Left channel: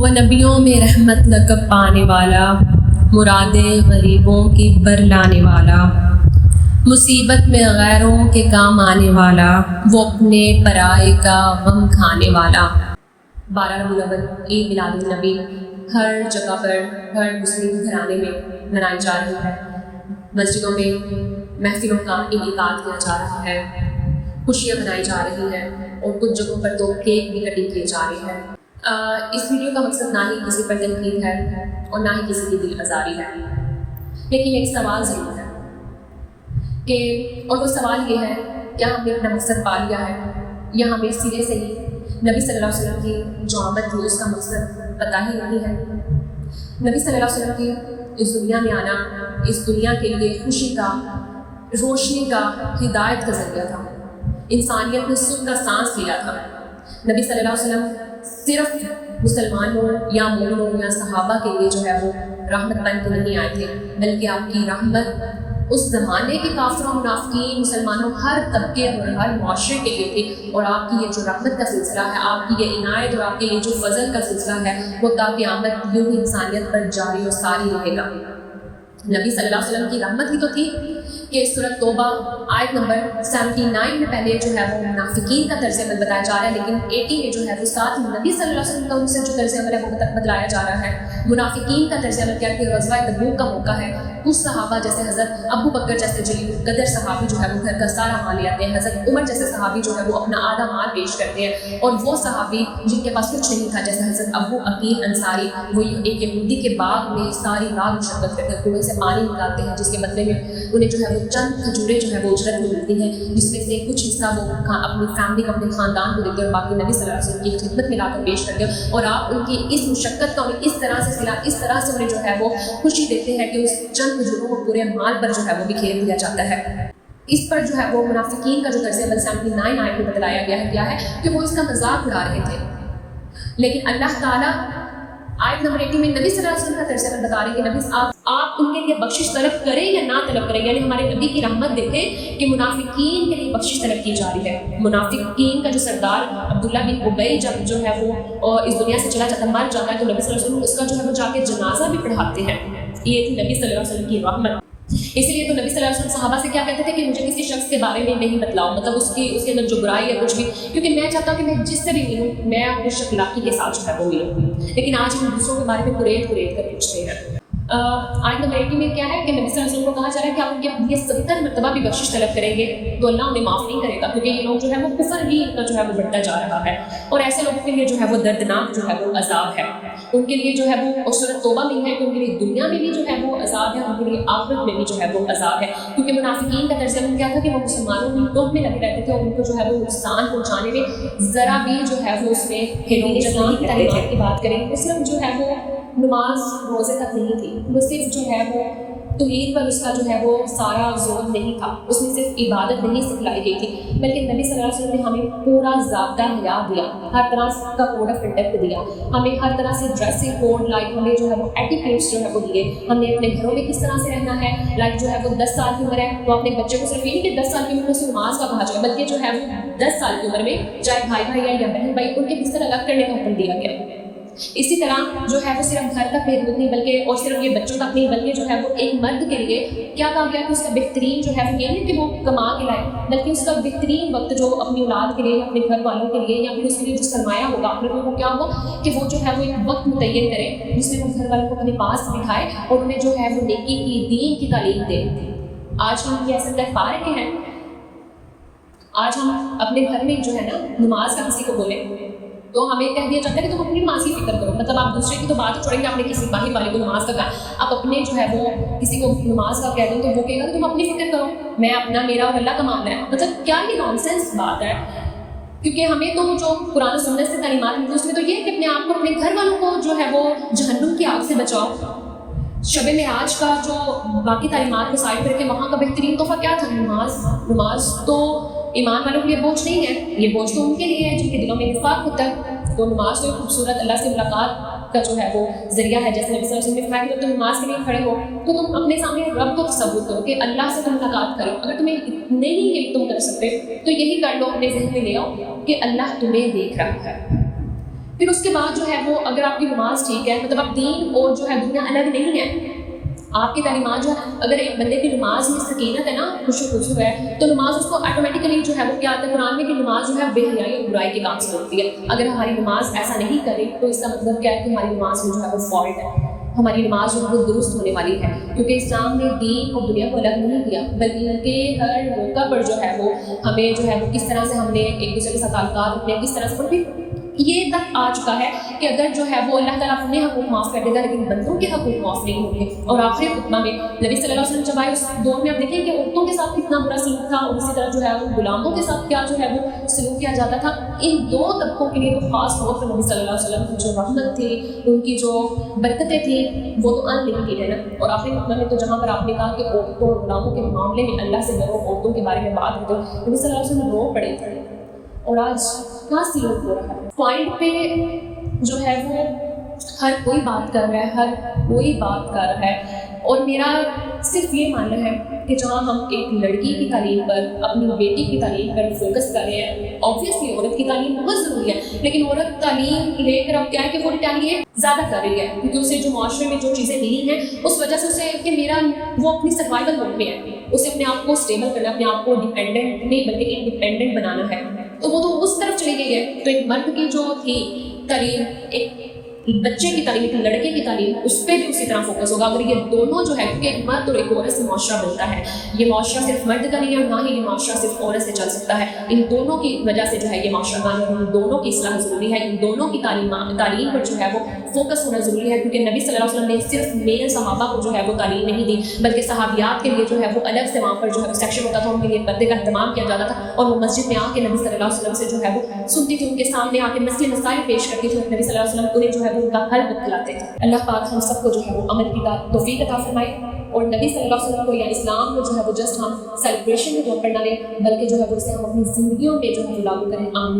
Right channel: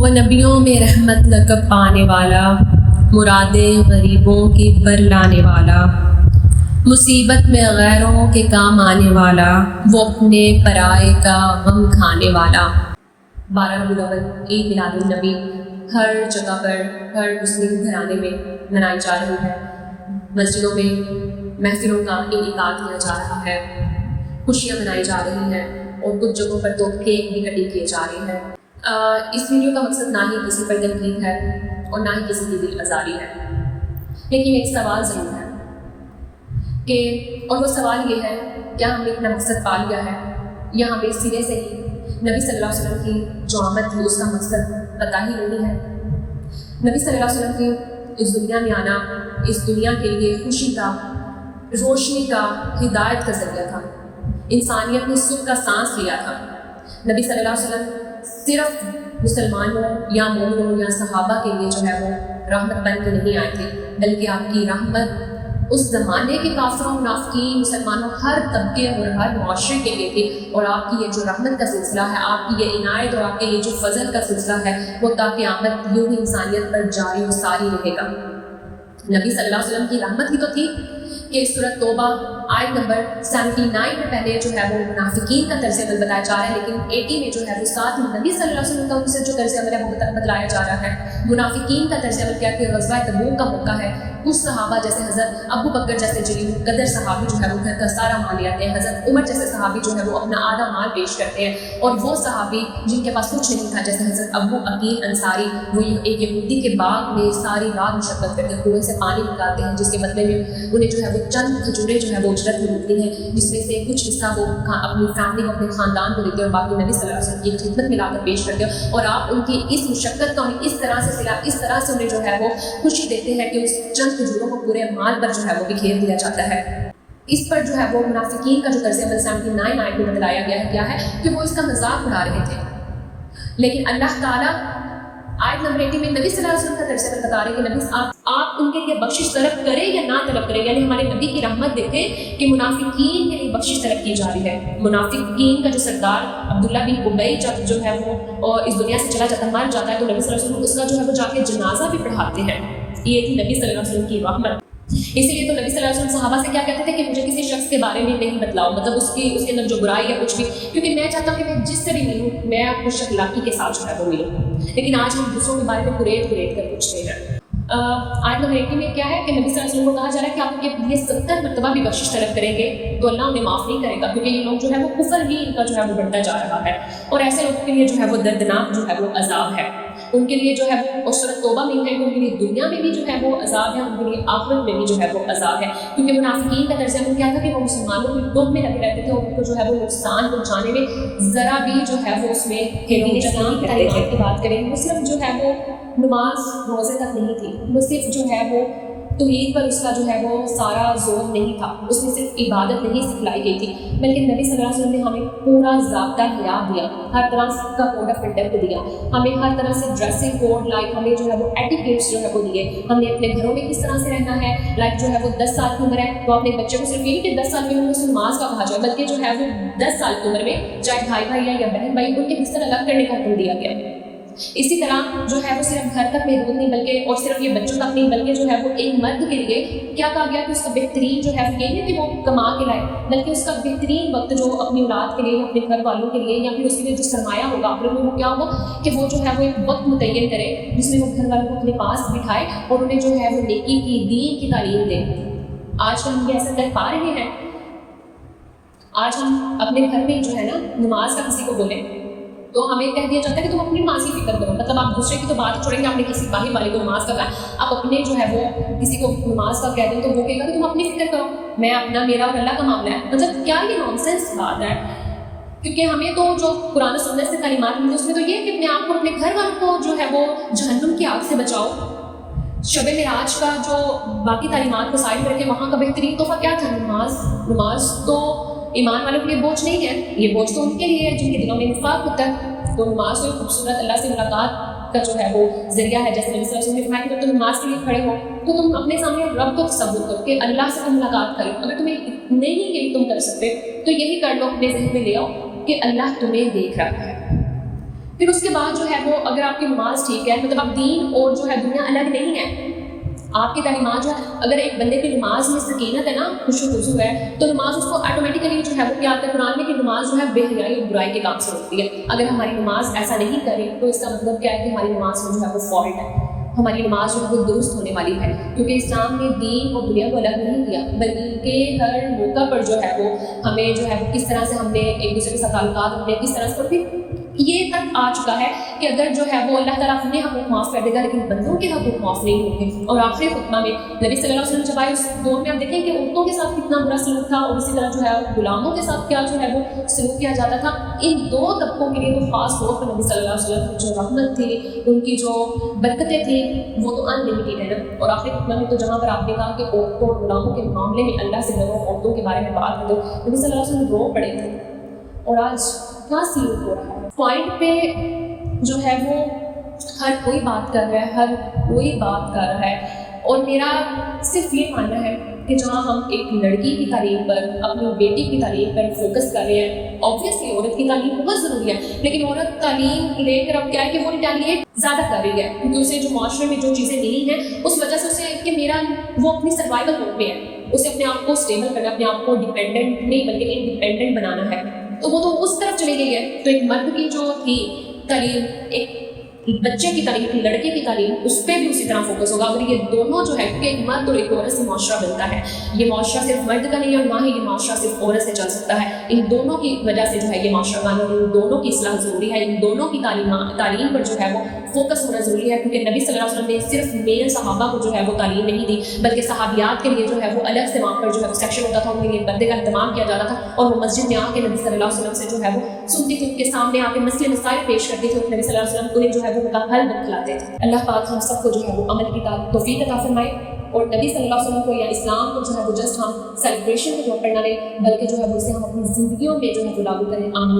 وہ نبیوں میں رحمت لقب پانے والا، مرادیں غریبوں کی بر لانے والا، مصیبت میں غیروں کے کام آنے والا، وہ اپنے پرائے کا غم کھانے والا۔ 12 ربیع الاول عید میلاد النبی ہر جگہ پر، ہر مسلم گھرانے میں منائی جا رہی ہے۔ مسجدوں میں محفلوں کا انعقاد کیا جا رہا ہے، خوشیاں منائی جا رہی ہیں اور کچھ جگہوں پر تو کیک بھی کٹنگ کیے جا رہے ہیں۔ اس ویڈیو کا مقصد نہ ہی کسی پر تنقید ہے اور نہ ہی کسی کی دل آزاری ہے، لیکن ایک سوال ضرور ہے کہ، اور وہ سوال یہ ہے، کیا ہم نے اپنا مقصد پا لیا ہے یا ہمیں سرے سے ہی نبی صلی اللہ علیہ وسلم کی جو آمد تھی اس کا مقصد پتہ ہی نہیں ہے؟ نبی صلی اللہ علیہ وسلم کی اس دنیا میں آنا اس دنیا کے لیے خوشی کا، روشنی کا، ہدایت کا ذریعہ تھا۔ انسانیت نے سکھ کا سانس لیا تھا۔ نبی صلی اللہ علیہ وسلم صرف مسلمانوں یا مومنوں یا صحابہ کے لیے جو ہے وہ رحمت بن کے نہیں آئے تھے، بلکہ آپ کی رحمت اس زمانے کے کافروں، منافقین، مسلمانوں، ہر طبقے اور ہر معاشرے کے لیے تھی۔ اور آپ کی یہ جو رحمت کا سلسلہ ہے، آپ کی یہ عنایت اور آپ کے یہ جو فضل کا سلسلہ ہے، وہ تا قیامت یوں ہی انسانیت پر جاری و ساری رہے گا۔ نبی صلی اللہ علیہ وسلم کی رحمت ہی تو تھی کہ سورۃ توبہ آیت نمبر 79 میں پہلے جو ہے وہ منافقین کا طرز عمل بتایا جا رہا ہے، لیکن 80 میں جو ہے وہ ساتھ نبی صلی اللہ علیہ وسلم کا ان سے جو طرز عمل ہے وہ بتلایا جا رہا ہے۔ منافقین کا طرز عمل کیا کہ غزوہ تبوک کا موقع ہے، کچھ صحابہ جیسے حضرت ابو بکر جیسے جلیل القدر صحابی جو ہے وہ گھر کا سارا مال لے آتے ہیں، حضرت عمر جیسے صحابی جو ہے وہ اپنا آدھا مال پیش کرتے ہیں، اور وہ صحابی جن کے پاس کچھ نہیں تھا جیسے حضرت ابو عقیل انصاری، وہ ایک یہودی کے باغ میں ساری رات مشقت کرتے ہیں، کنویں سے پانی نکالتے ہیں جس کے بدلے میں انہیں جو ہے وہ چند کھجوریں جو ہے وہ اجرت میں ملتی ہیں، جس میں سے کچھ حصہ وہ اپنی فیملی کو، اپنے خاندان کو دیتے ہیں اور باقی نبی صلی اللہ علیہ وسلم کی خدمت میں لا کر پیش کرتے ہیں۔ اور آپ ان کی اس مشقت کا انہیں اس طرح سے صلہ، اس طرح سے انہیں جو ہے وہ خوشی دیتے ہیں کہ اس چند کھجوروں کو پورے مال پر جو ہے وہ بکھیر دیا جاتا ہے۔ اس پر جو ہے وہ منافقین کا جو طرز عمل 79 آیت میں بتلایا گیا ہے کیا ہے کہ وہ اس کا مذاق اڑا رہے تھے، لیکن اللہ تعالیٰ آیت نمبر 80 میں نبی صلی اللہ علیہ وسلم کا طرز عمل بتا رہے ہیں کہ نبی آپ ان کے لیے بخشش طلب کریں یا نہ طلب کریں، یعنی ہمارے نبی کی رحمت دیکھیں کہ منافقین کے لیے بخشش طلب کی جا رہی ہے۔ منافقین کا جو سردار عبداللہ بن ابی جب جو ہے وہ اس دنیا سے چلا جاتا، مر جاتا ہے، تو نبی صلی اللہ علیہ وسلم اس کا جو ہے وہ جا کے جنازہ بھی پڑھاتے ہیں۔ یہ تھی نبی صلی اللہ علیہ وسلم کی رحمت۔ اسی لیے تو نبی صلی اللہ علیہ وسلم صحابہ سے کیا کہتے تھے کہ مجھے کسی شخص کے بارے میں نہیں بتلاؤ، مطلب اس کے اندر جو برائی ہے کچھ بھی، کیونکہ میں چاہتا ہوں کہ میں جس سے بھی ملوں میں خوش اخلاقی کے ساتھ جو ہے وہ ملوں، لیکن آج ہم دوسروں کے بارے میں کریٹ کر پوچھتے ہیں۔ آیت نمبر 80 میں کیا ہے کہ نبی صلی اللہ علیہ وسلم کو کہا جا رہا ہے کہ آپ ان کے لیے 70 مرتبہ بھی بخشش طلب کریں گے تو اللہ انہیں معاف نہیں کرے گا، کیونکہ یہ لوگ جو ہے وہ کفر بھی ان کا جو ہے وہ بڑھتا جا رہا ہے، اور ایسے لوگوں کے لیے جو ہے وہ دردناک جو ہے وہ عذاب ہے۔ ان کے لیے جو ہے وہ سورۃ توبہ میں ہے کہ ان کے لیے دنیا میں بھی جو ہے وہ عذاب ہے، ان کے لیے آخرت میں بھی جو ہے وہ عذاب ہے، کیونکہ منافقین کا طرز عمل کیا تھا کہ وہ مسلمانوں کی ٹوپ میں لگے رہتے تھے اور ان کو جو ہے وہ نقصان پہنچانے میں ذرا بھی جو ہے وہ اس میں اسلام کی تعلیمات کی بات کریں، وہ صرف جو ہے وہ نماز روزے تک نہیں تھی، وہ صرف جو ہے وہ توحید پر اس کا جو ہے وہ سارا زور نہیں تھا، اس میں صرف عبادت نہیں سکھلائی گئی تھی، بلکہ نبی صلی اللہ علیہ وسلم نے ہمیں پورا ضابطہ حیات دیا، ہر طرح کا کوڈ آف کنڈکٹ دیا، ہمیں ہر طرح سے ڈریسنگ کوڈ، لائک ہمیں جو ہے وہ ایٹیکیٹس جو ہے وہ دیے، ہم نے اپنے گھروں میں کس طرح سے رہنا ہے، لائک جو ہے وہ 10 سال کی عمر ہے تو اپنے بچے کو صرف یہ نہیں کہ 10 سال کی عمر میں اس کو نماز کا کہا جائے، بلکہ جو ہے وہ 10 سال کی عمر میں چاہے بھائی ہے یا بہن بھائی، ان کے بستر الگ کرنے کا حکم دیا گیا۔ اسی طرح جو ہے وہ صرف گھر تک محدود نہیں، بلکہ اور صرف یہ بچوں تک نہیں، بلکہ جو ہے وہ ایک مرد کے لیے کیا کہا گیا کہ اس کا بہترین جو ہے وہ یہ نہیں کہ وہ کما کے لائے، بلکہ اس کا بہترین وقت جو اپنی اولاد کے لیے، اپنے گھر والوں کے لیے، یا پھر اس کے لیے جو سرمایہ ہوگا آخرت میں وہ کیا ہوگا کہ وہ جو ہے وہ ایک وقت متعین کرے جس میں وہ گھر والوں کو اپنے پاس بٹھائے اور انہیں جو ہے وہ نیکی کی، دین کی تعلیم دے۔ آج ہم یہ ایسا کر پا رہے ہیں؟ آج ہم اپنے گھر میں جو ہے نا نماز کا کسی کو بولیں تو ہمیں کہہ دیا جاتا ہے کہ تم اپنی نماز کی فکر کرو، مطلب آپ دوسرے کی تو بات چھوڑیں گے، آپ نے کسی باہر والے کو نماز کا کہا، آپ اپنے جو ہے وہ کسی کو نماز کا کہہ دیں تو وہ کہے گا کہ تم اپنی فکر کرو، میں اپنا، میرا اور اللہ کا معاملہ ہے۔ مطلب کیا یہ نان سینس بات ہے؟ کیونکہ ہمیں تو جو قرآن و سنت سے تعلیمات ملتی اس میں تو یہ ہے کہ اپنے آپ کو، اپنے گھر والوں کو جو ہے وہ جہنم کی آگ سے بچاؤ۔ شب معراج کا جو باقی تعلیمات کو سائڈ کر کے وہاں کا بہترین تحفہ کیا تھا؟ نماز تو ایمان والوں کے لیے بوجھ نہیں ہے، یہ بوجھ تو ان کے لیے ہے جن کے دلوں میں نفاق ہوتا ہے۔ تو نماز تو خوبصورت اللہ سے ملاقات کا جو ہے وہ ذریعہ ہے، جیسے نبی صلی اللہ علیہ وسلم نے فرمایا کہ جب تم نماز کے لیے کھڑے ہو تو تم اپنے سامنے رب کو تصور کرو کہ اللہ سے تم ملاقات کرو، اگر تمہیں نہیں یہ تم کر سکتے تو یہی کر لو، اپنے ذہن میں لے آؤ کہ اللہ تمہیں دیکھ رہا ہے، پھر اس کے بعد جو ہے وہ اگر آپ کی نماز ٹھیک ہے، مطلب اب دین اور جو ہے دنیا الگ نہیں ہے، آپ کی تعلیمات جو ہے، اگر ایک بندے کی نماز میں سکینت ہے نا، خوشو خضو ہے، تو نماز اس کو آٹومیٹیکلی جو ہے وہ کیا آتا ہے قرآن میں کہ نماز جو ہے بے حیائی اور برائی کے کام سے روکتی ہے۔ اگر ہماری نماز ایسا نہیں کرے تو اس کا مطلب کیا ہے کہ ہماری نماز میں جو ہے وہ فالٹ ہے، ہماری نماز جو ہے وہ درست ہونے والی ہے، کیونکہ اسلام نے دین اور دنیا کو الگ نہیں کیا، بلکہ ہر موقع پر جو ہے وہ ہمیں جو ہے کس طرح سے ہم نے ایک دوسرے کے ساتھ تعلقات اپنے کس طرح سے، اور پھر یہ تک آ چکا ہے کہ اگر جو ہے وہ اللہ تعالیٰ اپنے حقوق معاف کر دے گا لیکن بندوں کے حقوق معاف نہیں ہوں گے۔ اور آخری خطبہ میں نبی صلی اللہ علیہ وسلم جب آئے اس دور میں آپ دیکھیں کہ عورتوں کے ساتھ کتنا برا سلوک تھا، اور اسی طرح جو ہے غلاموں کے ساتھ کیا جو ہے وہ سلوک کیا جاتا تھا۔ ان دو طبقوں کے لیے تو خاص طور پر نبی صلی اللہ علیہ وسلم کی جو رحمت تھی، ان کی جو برکتیں تھیں، وہ تو ان لمیٹیڈ ہے نا۔ اور آخری خطبہ میں تو جہاں پر آپ نے کہا کہ عورتوں اور غلاموں کے معاملے میں اللہ سے لوگ عورتوں کے بارے میں بات کرتے ہو، نبی صلی اللہ علیہ وسلم رو پڑے تھے، اور آج کیا سلوک ہو رہا ہے۔ پوائنٹ پہ جو ہے وہ ہر کوئی بات کر رہا ہے، ہر کوئی بات کر رہا ہے، اور میرا صرف یہ ماننا ہے کہ جہاں ہم ایک لڑکی کی تعلیم پر، اپنی بیٹی کی تعلیم پر فوکس کر رہے ہیں، اوبویسلی عورت کی تعلیم بہت ضروری ہے، لیکن عورت تعلیم لے کر اب کیا ہے کہ وہ ریٹیلیٹ زیادہ کر رہی ہے، کیونکہ اسے جو معاشرے میں جو چیزیں ملی ہیں اس وجہ سے اسے کہ میرا وہ اپنی سروائیول موڈ میں ہے، اسے اپنے آپ کو اسٹیبل کرنا، اپنے آپ کو ڈیپینڈنٹ نہیں بلکہ انڈیپینڈنٹ بنانا ہے، تو وہ تو اس طرف چلی گئی ہے۔ تو ایک مرد کی جو تھی تعلیم، ایک بچے کی تعلیم تھی، لڑکے کی تعلیم، اس پہ بھی اسی طرح فوکس ہوگا۔ اگر یہ دونوں جو ہے، کیونکہ ایک مرد اور ایک عورت سے معاشرہ بنتا ہے، یہ معاشرہ صرف مرد کا نہیں ہے، اور نہ ہی یہ معاشرہ صرف عورت سے چل سکتا ہے، ان دونوں کی وجہ سے جو ہے یہ معاشرہ بنا، اور ان دونوں کی اصلاح ضروری ہے، ان دونوں کی تعلیم پر جو ہے وہ فوکس ہونا ضروری ہے، کیونکہ نبی صلی اللہ علیہ وسلم نے صرف میل صحابہ کو جو ہے وہ تعلیم نہیں دی، بلکہ صحابیات کے لیے جو ہے وہ الگ سے وہاں پر جو ہے وہ سیکشن ہوتا تھا، ان کے لیے پردے کا اہتمام کیا جاتا تھا، اور وہ مسجد میں آ کے نبی صلی اللہ علیہ وسلم سے جو ہے وہ سنتی تھی، ان کے سامنے آ کے مسئلے مسائل پیش کرتی تھی، اور نبی صلی اللہ علیہ وسلم انہیں جو ہے وہ ان کا حل بتلاتے تھے۔ اللہ پاک ہم سب کو جو ہے وہ عمل کی توفیق عطا فرمائے، اور نبی صلی اللہ علیہ وسلم کو یا اسلام کو جو ہے وہ جسٹ ہم سیلیبریشن کے طور پر نہ لیں، بلکہ جو ہے وہ اسے ہم اپنی زندگیوں میں جو ہے وہ لاگو کریں۔ آمین۔